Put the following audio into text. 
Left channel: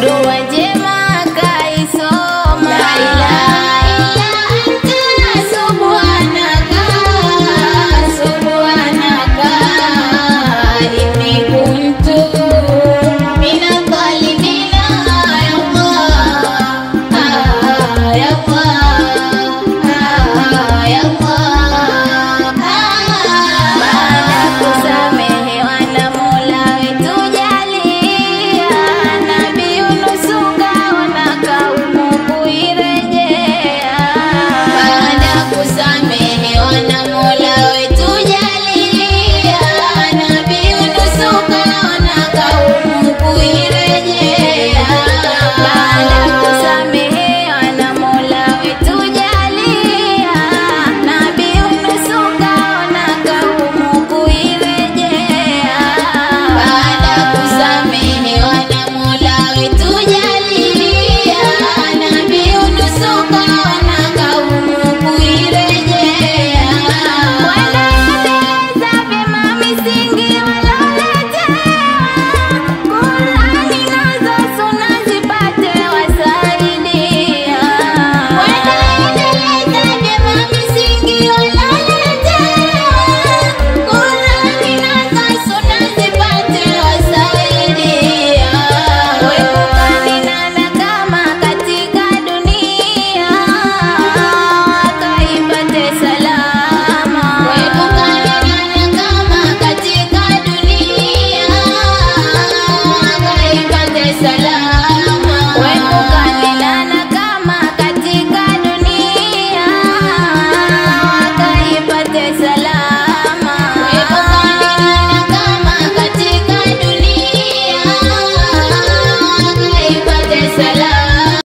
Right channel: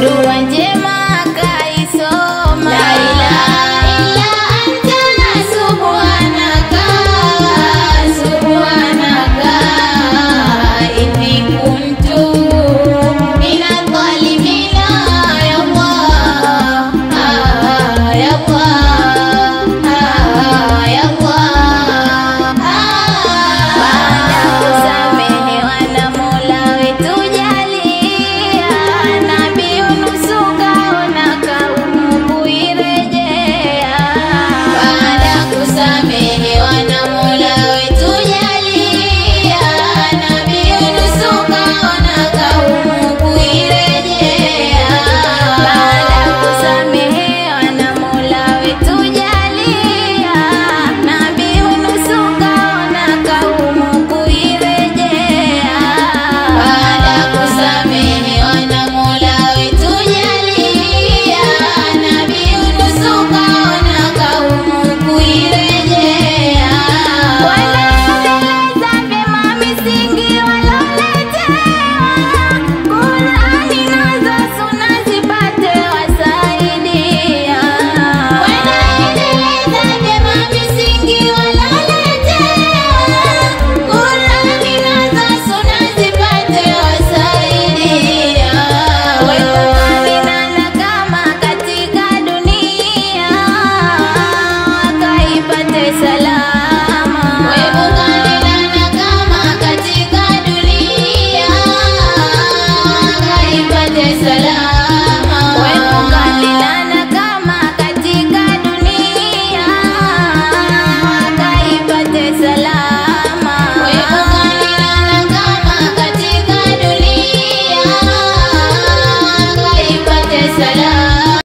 dua njema kaisoma. La ilaha illa anta subhanaka subhanaka inni kuntu minadh dhalimina ya Allah ya Allah ya Allah. Baada kusamehewa na Mola wetu jalia, Nabii Yunus kaona kaumu kuirejea. Baada kusamehewa na Mola wetu jalia, Nabii Yunus kaona kaumu kuirejea. Baada kusamehewa na Mola wetu jalia, Nabii Yunus kaona kaumu kuirejea. Baada kusamehewa na Mola wetu jalia, Nabii Yunus kaona kaumu kuirejea. Kwenda endeleza vyema misingi waloletewa, Qur'ani nazo Sunna zipate wasaidia. Kwenda endeleza vyema misingi waloletewa, Qur'ani nazo Sunna zipate wasaidia. Kuepukane na nakama katika dunia, wakaipate salama. Kuepukane na nakama katika dunia, wakaipate salama. Kuepukane na nakama katika dunia, wakaipate salama. Kuepukane na nakama katika dunia, wakaipate salama.